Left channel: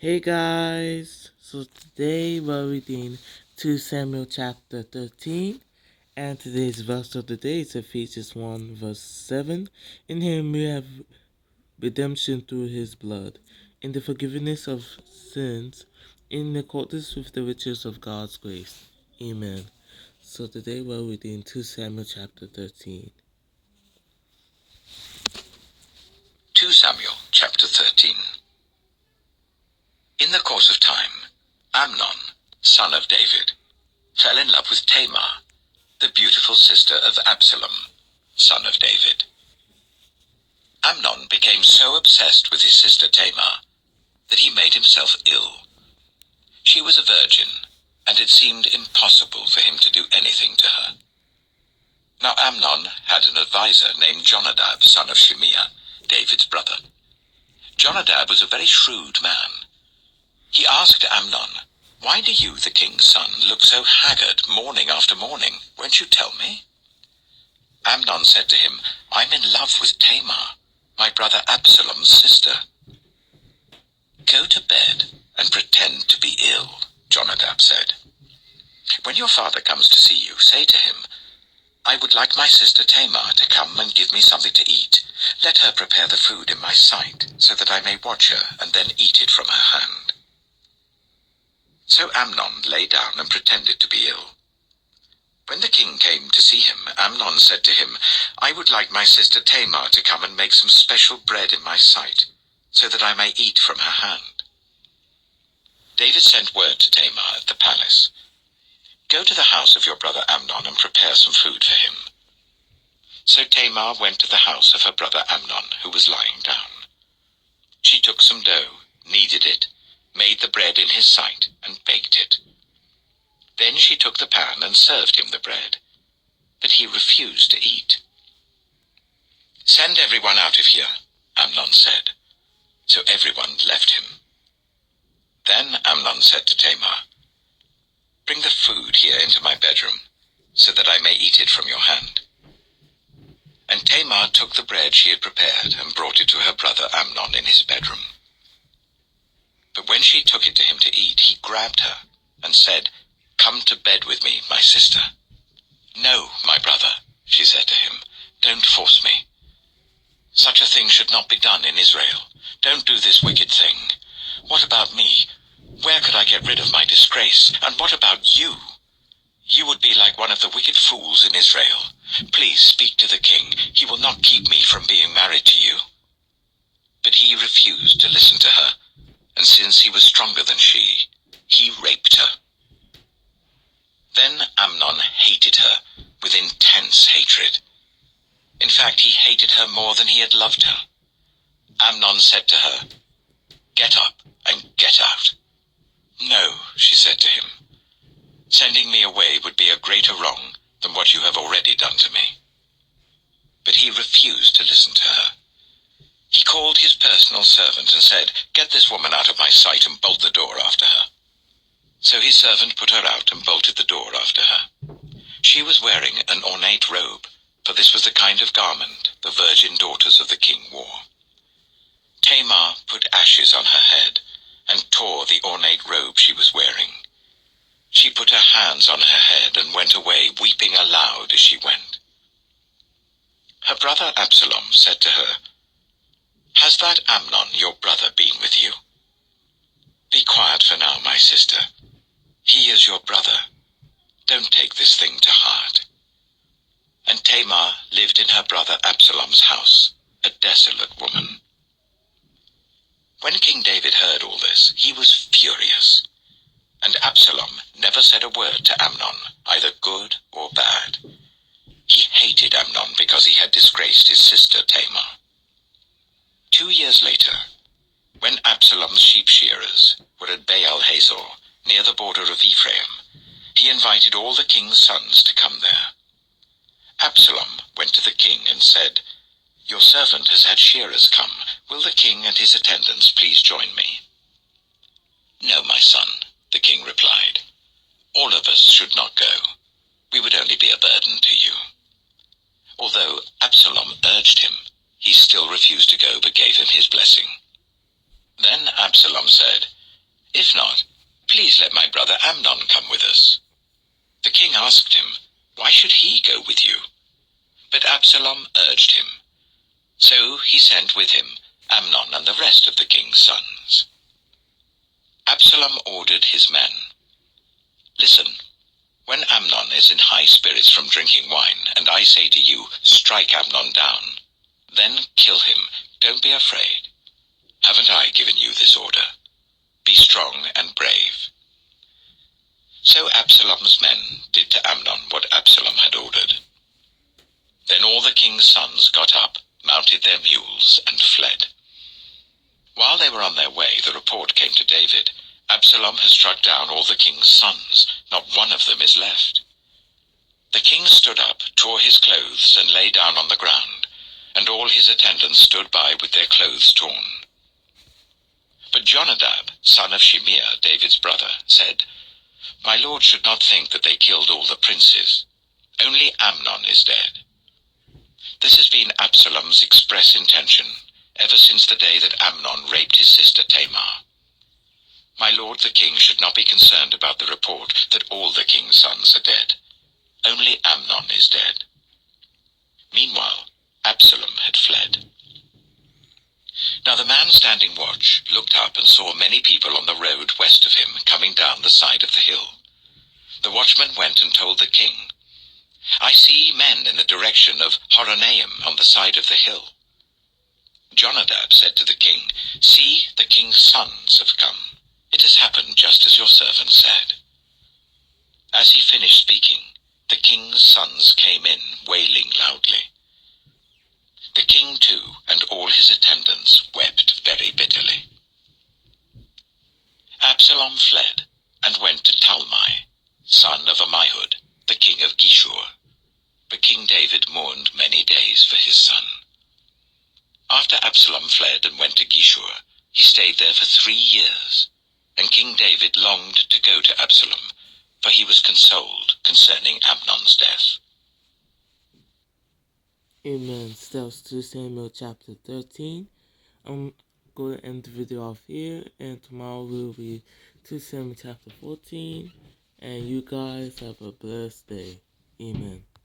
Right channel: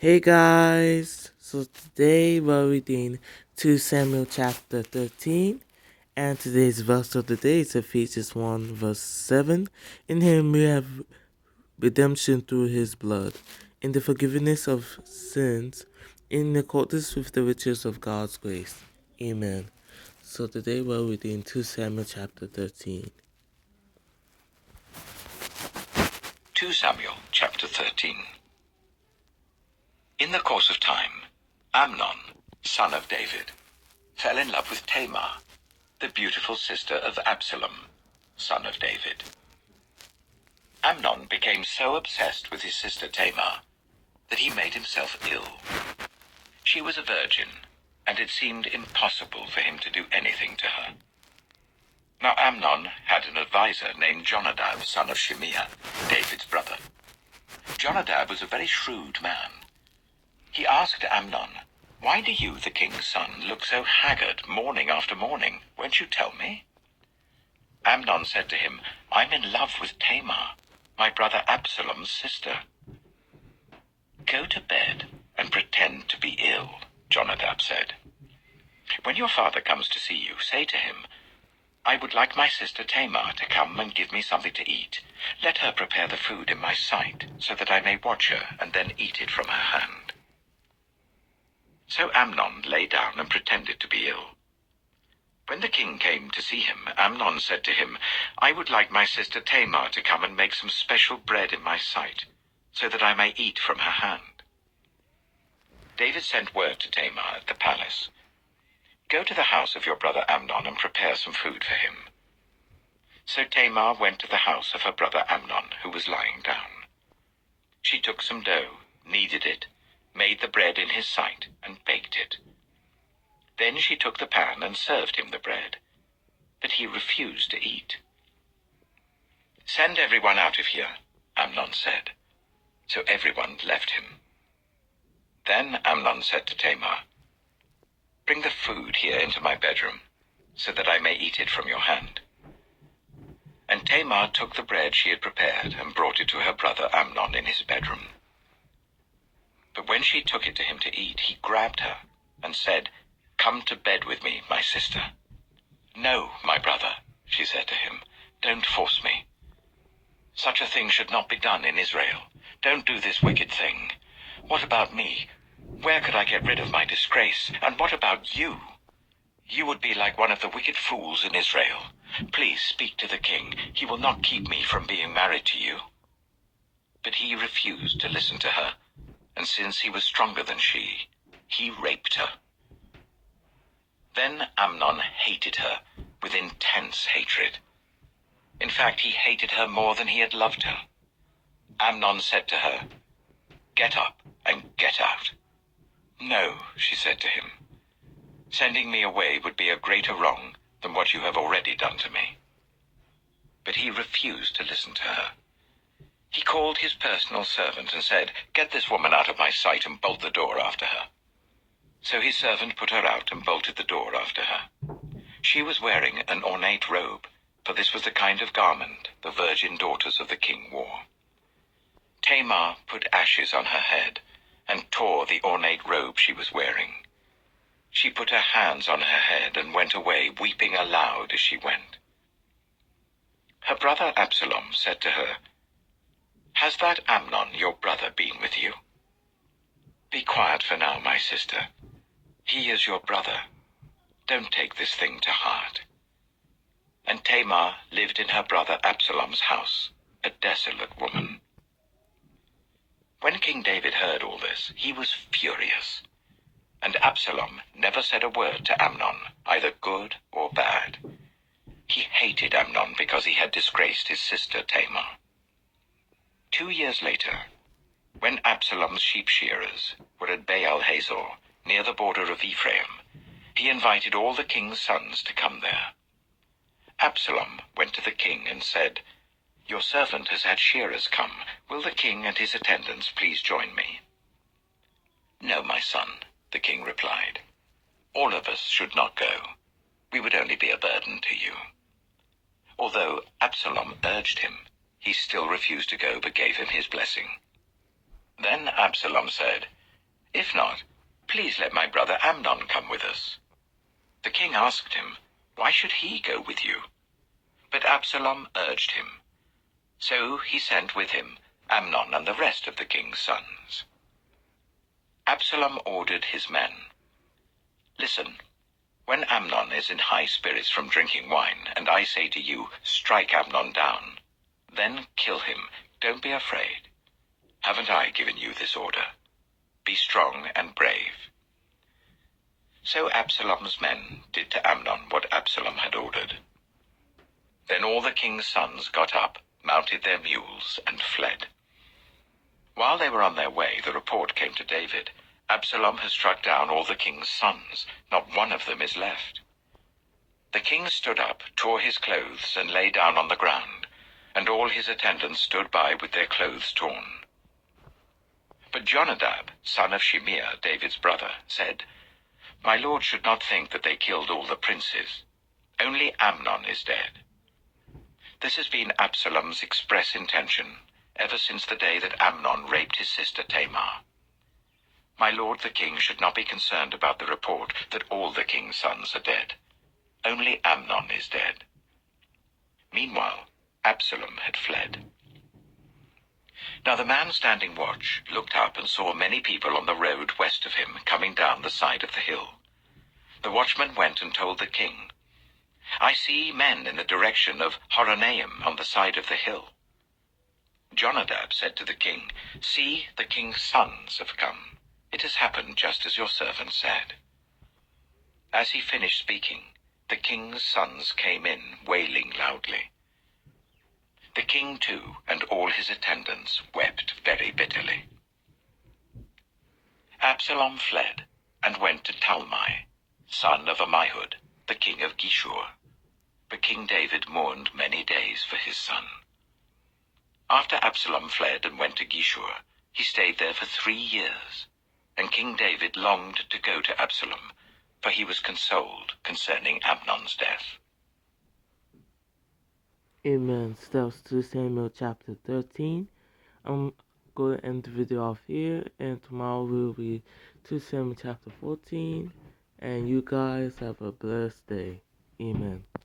Hey guys, so today we're reading 2 Samuel chapter 13, and today's verse of the day is Ephesians 1 verse 7. In him we have redemption through his blood, in the forgiveness of sins, in accordance with the riches of God's grace. Amen. So today we're reading 2 Samuel chapter 13. 2 Samuel chapter 13. In the course of time, Amnon, son of David, fell in love with Tamar, the beautiful sister of Absalom, son of David. Amnon became so obsessed with his sister Tamar that he made himself ill. She was a virgin, and it seemed impossible for him to do anything to her. Now Amnon had an adviser named Jonadab, son of Shimeah, David's brother. Jonadab was a very shrewd man. He asked Amnon, "Why do you, the king's son, look so haggard morning after morning? Won't you tell me?" Amnon said to him, "I'm in love with Tamar, my brother Absalom's sister." "Go to bed and pretend to be ill," Jonadab said. "When your father comes to see you, say to him, 'I would like my sister Tamar to come and give me something to eat. Let her prepare the food in my sight, so that I may watch her and then eat it from her hand.'" So Amnon lay down and pretended to be ill. When the king came to see him, Amnon said to him, "I would like my sister Tamar to come and make some special bread in my sight, so that I may eat from her hand." David sent word to Tamar at the palace, "Go to the house of your brother Amnon and prepare some food for him." So Tamar went to the house of her brother Amnon, who was lying down. She took some dough, kneaded it, made the bread in his sight, and baked it. Then she took the pan and served him the bread, but he refused to eat. "Send everyone out of here," Amnon said. So everyone left him. Then Amnon said to Tamar, "Bring the food here into my bedroom, so that I may eat it from your hand." And Tamar took the bread she had prepared and brought it to her brother Amnon in his bedroom. But when she took it to him to eat, he grabbed her and said, "Come to bed with me, my sister." "No, my brother," she said to him, "don't force me. Such a thing should not be done in Israel. Don't do this wicked thing. What about me? Where could I get rid of my disgrace? And what about you? You would be like one of the wicked fools in Israel. Please speak to the king. He will not keep me from being married to you." But he refused to listen to her, and since he was stronger than she, he raped her. Then Amnon hated her with intense hatred. In fact, he hated her more than he had loved her. Amnon said to her, "Get up and get out." "No," she said to him. "Sending me away would be a greater wrong than what you have already done to me." But he refused to listen to her. He called his personal servant and said, "Get this woman out of my sight and bolt the door after her." So his servant put her out and bolted the door after her. She was wearing an ornate robe, for this was the kind of garment the virgin daughters of the king wore. Tamar put ashes on her head and tore the ornate robe she was wearing. She put her hands on her head and went away, weeping aloud as she went. Her brother Absalom said to her, "Has that Amnon, your brother, been with you?" "Be quiet for now, my sister. He is your brother. Don't take this thing to heart." And Tamar lived in her brother Absalom's house, a desolate woman. When King David heard all this, he was furious. And Absalom never said a word to Amnon, either good or bad. He hated Amnon because he had disgraced his sister Tamar. 2 years later, when Absalom's sheep shearers were at Baal Hazor, near the border of Ephraim, he invited all the king's sons to come there. Absalom went to the king and said, "Your servant has had shearers come. Will the king and his attendants please join me?" "No, my son," the king replied. "All of us should not go. We would only be a burden to you." Although Absalom urged him, he still refused to go but gave him his blessing. Then Absalom said, If not, please let my brother Amnon come with us." The king asked him, "Why should he go with you?" But Absalom urged him. So he sent with him Amnon and the rest of the king's sons. Absalom ordered his men, "Listen, when Amnon is in high spirits from drinking wine, and I say to you, 'Strike Amnon down,' then kill him. Don't be afraid. Haven't I given you this order? Be strong and brave." So Absalom's men did to Amnon what Absalom had ordered. Then all the king's sons got up, mounted their mules, and fled. While they were on their way, the report came to David, "Absalom has struck down all the king's sons. Not one of them is left." The king stood up, tore his clothes, and lay down on the ground, and all his attendants stood by with their clothes torn. But Jonadab, son of Shimeah, David's brother, said, "My lord should not think that they killed all the princes. Only Amnon is dead." This has been Absalom's express intention ever since the day that Amnon raped his sister Tamar. My lord the king should not be concerned about the report that all the king's sons are dead. Only Amnon is dead. Meanwhile, Absalom had fled. Now the man standing watch looked up and saw many people on the road west of him coming down the side of the hill. The watchman went and told the king, "I see men in the direction of Horonaim on the side of the hill." Jonadab said to the king, "See, the king's sons have come. It has happened just as your servant said." As he finished speaking, the king's sons came in, wailing loudly. The king too, and all his attendants, wept very bitterly. Absalom fled, and went to Talmai, son of Ammihud, the king of Geshur. But King David mourned many days for his son. After Absalom fled and went to Geshur, he stayed there for 3 years, and King David longed to go to Absalom, for he was consoled concerning Amnon's death. Amen. So that was 2 Samuel chapter 13. I'm going to end the video off here, and tomorrow we'll read 2 Samuel chapter 14. And you guys have a blessed day. Amen.